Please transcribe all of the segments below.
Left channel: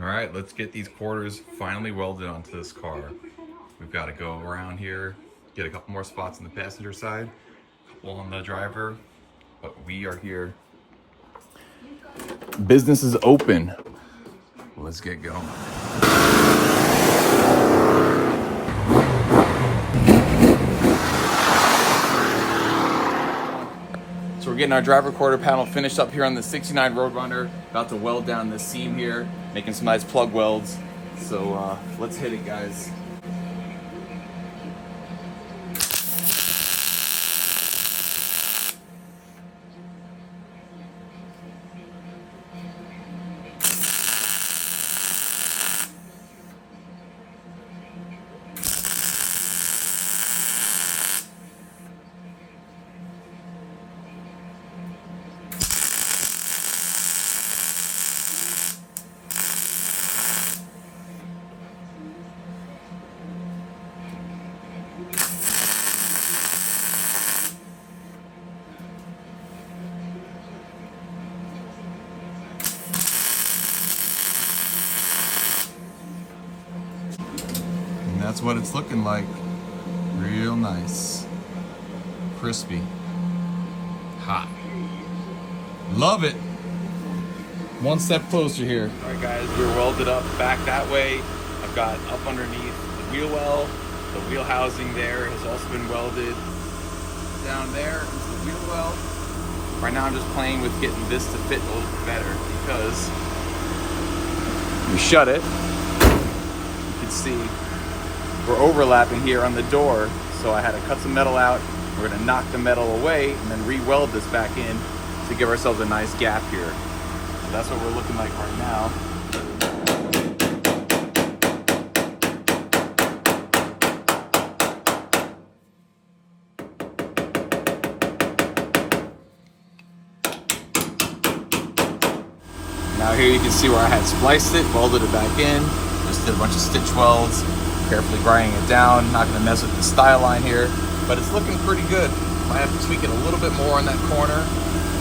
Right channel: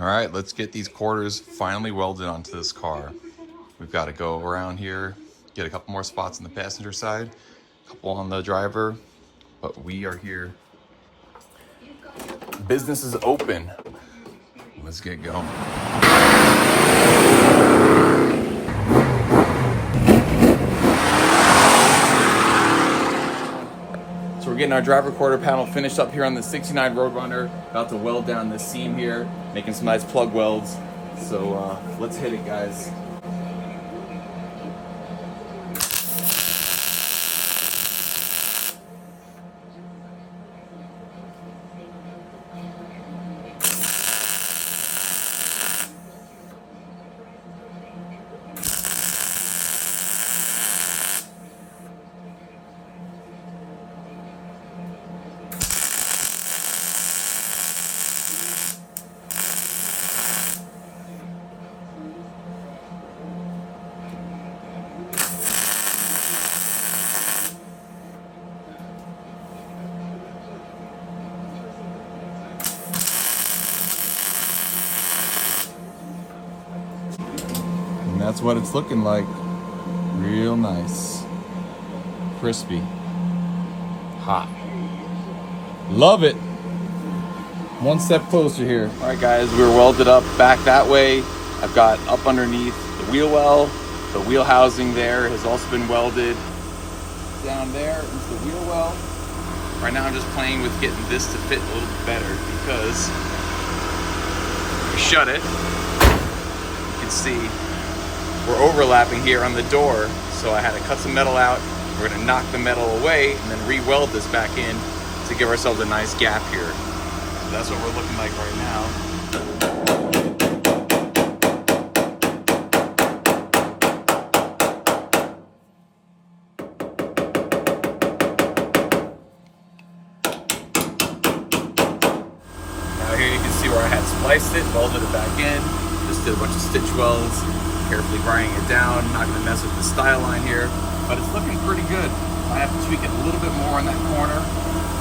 All right, let's get these quarters finally welded onto this car. We've got to go around here, get a couple more spots on the passenger side, a couple on the driver, but we are here. Business is open. Let's get going. So we're getting our driver quarter panel finished up here on the 69 Roadrunner. About to weld down this seam here, making some nice plug welds. So let's hit it, guys. And that's what it's looking like. Real nice. Crispy. Hot. Love it. One step closer here. All right, guys, we're welded up back that way. I've got up underneath the wheel well. The wheel housing there has also been welded. Down there is the wheel well. Right now I'm just playing with getting this to fit a little bit better because we shut it. You can see we're overlapping here on the door. So I had to cut some metal out. We're gonna knock the metal away and then re-weld this back in to give ourselves a nice gap here. So that's what we're looking like right now. Now here you can see where I had spliced it, welded it back in, just did a bunch of stitch welds, carefully grinding it down, not gonna mess with the style line here, but it's looking pretty good. I have to tweak it a little bit more on that corner,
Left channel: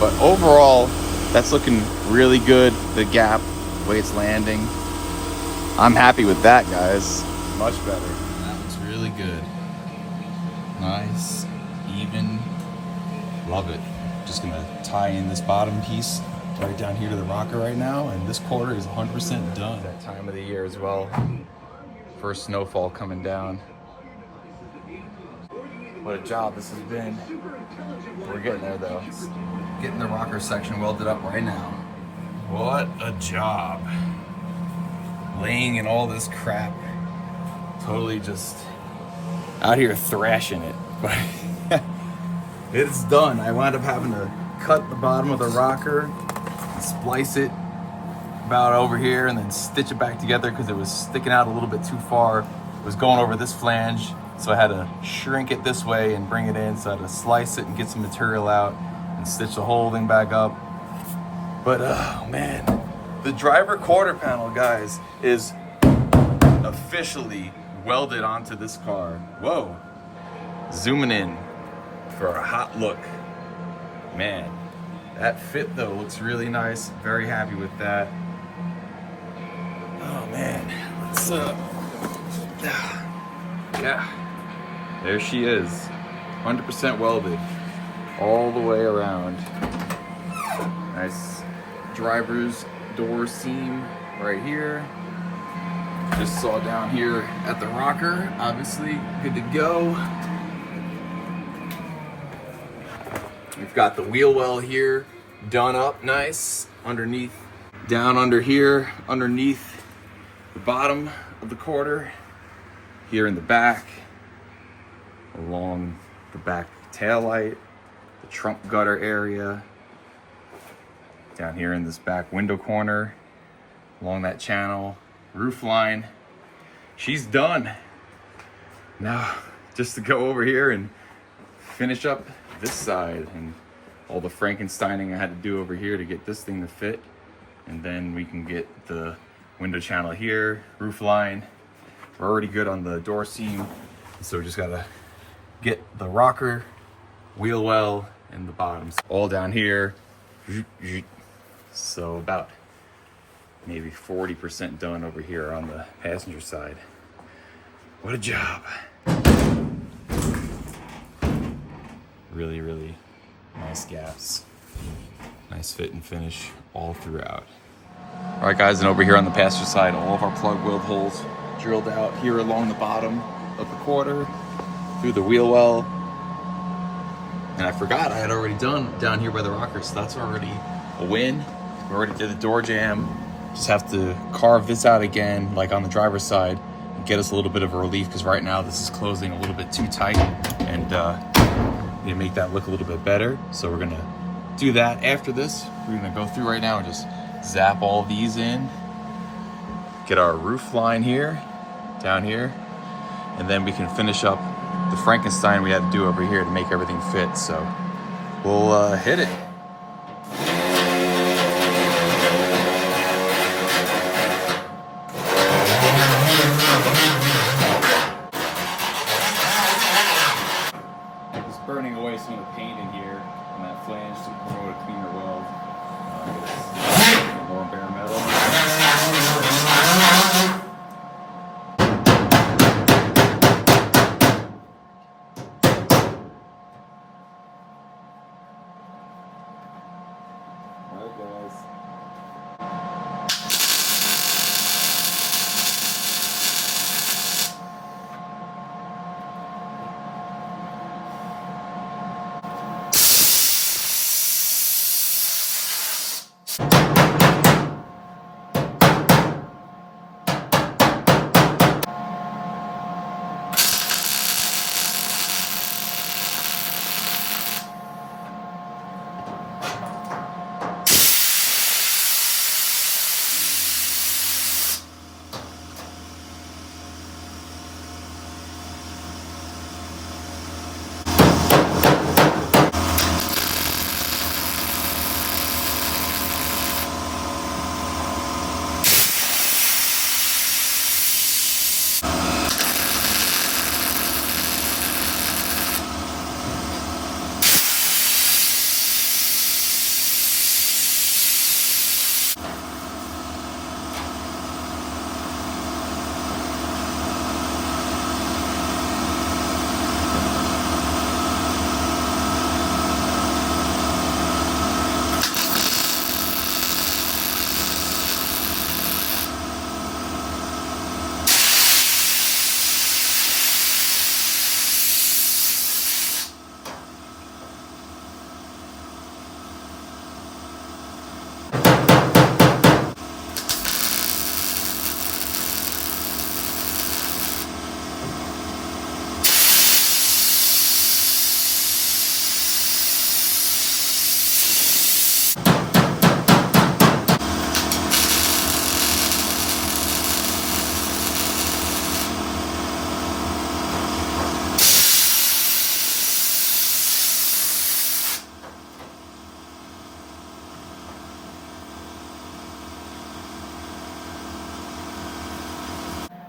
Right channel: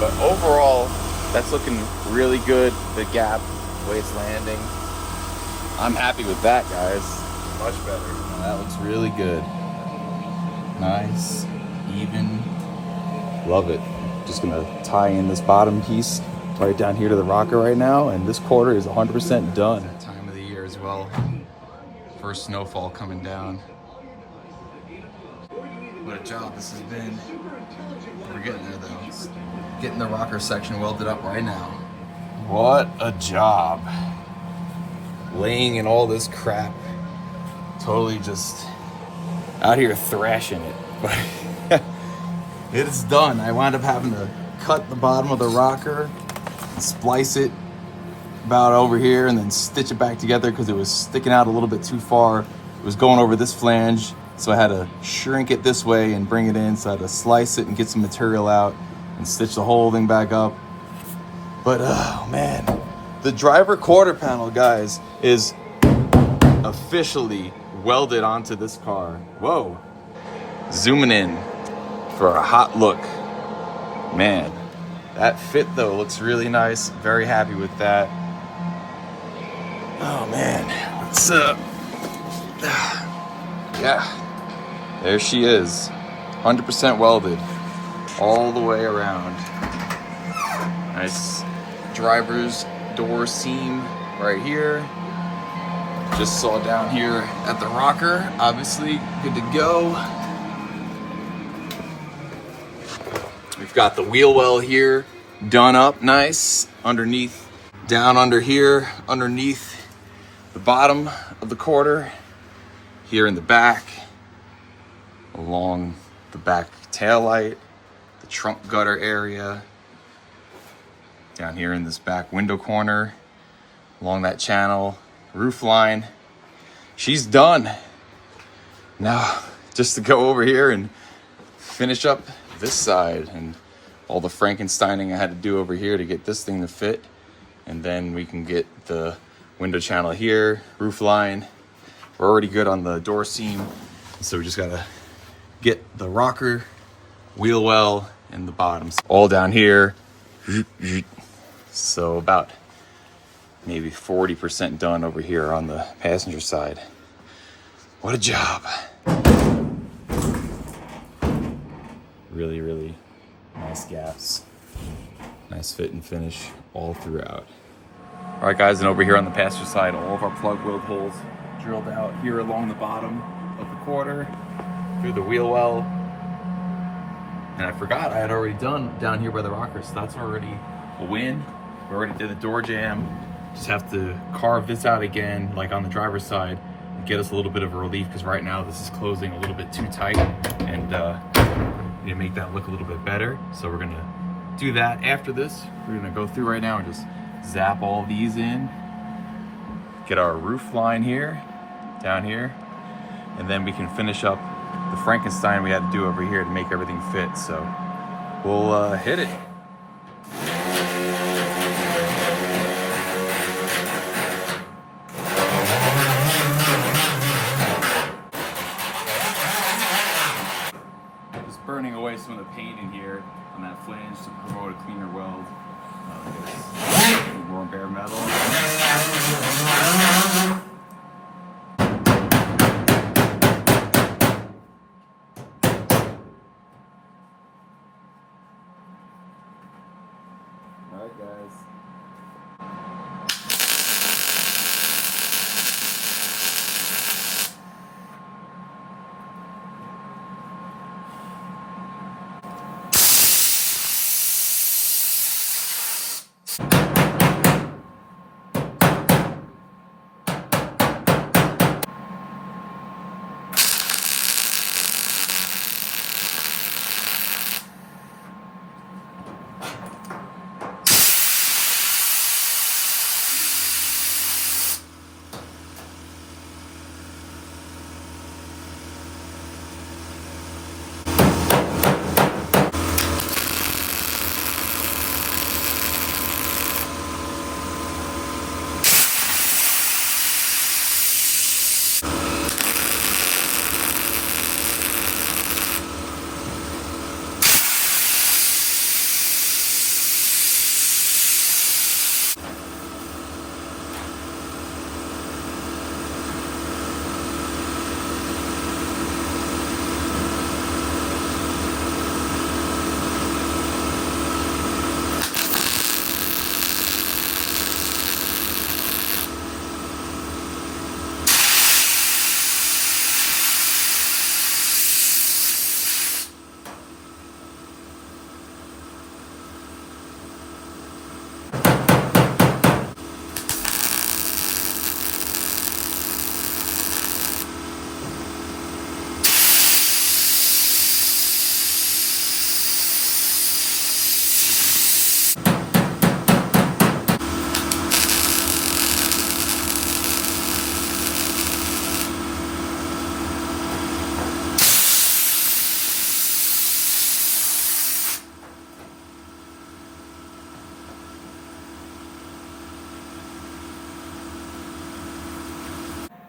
but overall, that's looking really good. The gap, the way it's landing. I'm happy with that, guys. Much better. That looks really good. Nice, even. Love it. Just gonna tie in this bottom piece right down here to the rocker right now, and this quarter is 100% done. That time of the year as well. First snowfall coming down. What a job this has been. We're getting there though. Getting the rocker section welded up right now. What a job. Laying in all this crap. Totally just out here thrashing it. But it's done. I wound up having to cut the bottom of the rocker, splice it about over here, and then stitch it back together because it was sticking out a little bit too far. It was going over this flange, so I had to shrink it this way and bring it in. So I had to slice it and get some material out and stitch the whole thing back up. But oh man, the driver quarter panel, guys, is officially welded onto this car. Whoa. Zooming in for a hot look. Man, that fit though looks really nice. Very happy with that. Oh man, what's up? Yeah, there she is. 100% welded all the way around. Nice driver's door seam right here. Just saw down here at the rocker, obviously good to go. We've got the wheel well here done up nice underneath, down under here, underneath the bottom of the quarter, here in the back, along the back tail light, the trunk gutter area, down here in this back window corner, along that channel, roof line. She's done. Now, just to go over here and finish up this side and all the Frankensteining I had to do over here to get this thing to fit. And then we can get the window channel here, roof line. We're already good on the door seam. So we just gotta get the rocker, wheel well, and the bottoms all down here. So about maybe 40% done over here on the passenger side. What a job. Really, really nice gaps. Nice fit and finish all throughout. All right, guys, and over here on the passenger side, all of our plug weld holes drilled out here along the bottom of the quarter, through the wheel well. And I forgot I had already done down here by the rockers, so that's already a win. We already did the door jamb. Just have to carve this out again, like on the driver's side, and get us a little bit of a relief, because right now this is closing a little bit too tight, and we make that look a little bit better. So we're gonna do that after this. We're gonna go through right now and just zap all these in, get our roof line here, down here, and then we can finish up the Frankenstein we had to do over here to make everything fit. So we'll hit it. Just burning away some of the paint in here on that flange to promote a cleaner weld. More bare metal. Alright, guys.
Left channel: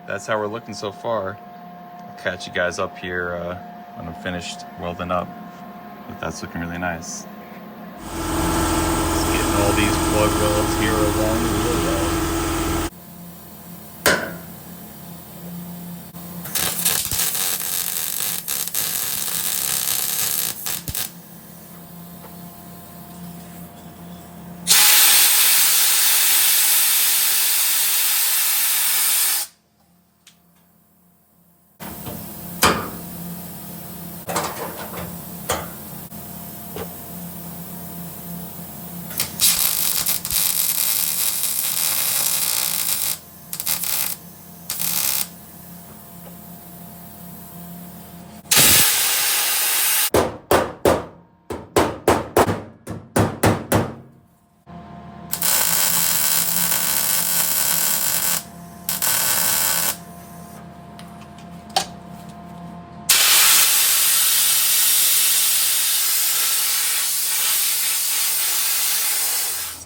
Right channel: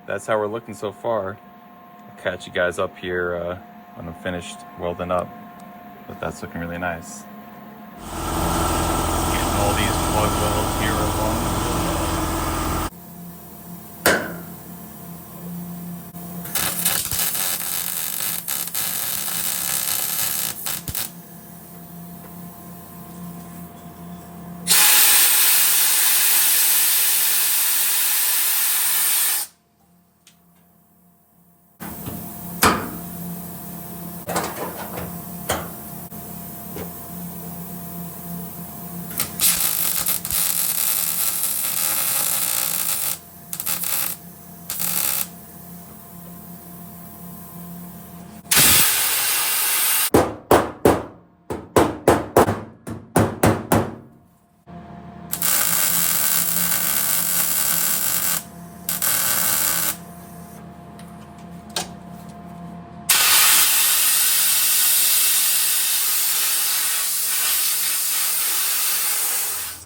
That's how we're looking so far. I'll catch you guys up here when I'm finished welding up. But that's looking really nice. Getting all these plug welds here along the wheel well.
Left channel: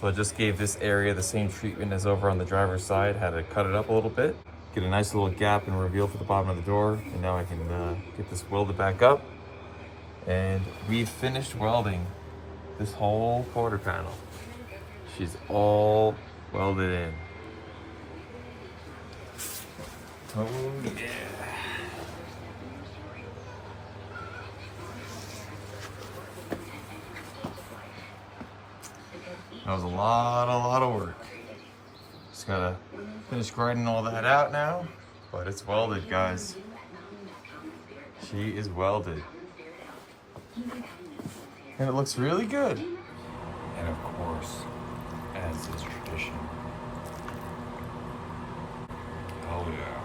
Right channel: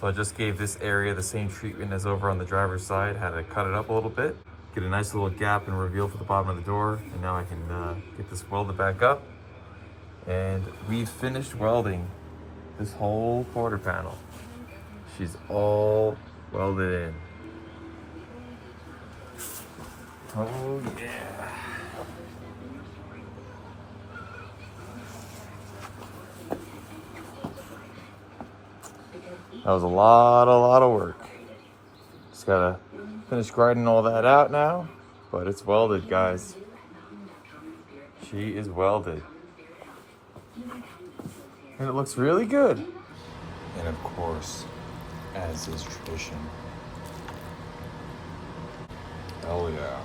So I just gave this area the same treatment as over on the driver's side. Had to cut it up a little bit, get a nice little gap and reveal for the bottom of the door. And now I can get this welded back up. And we've finished welding this whole quarter panel. She's all welded in. Oh yeah. That was a lot of work. Just gotta finish grinding all that out now, but it's welded, guys. She is welded. And it looks really good. And of course, as is tradition. Oh yeah.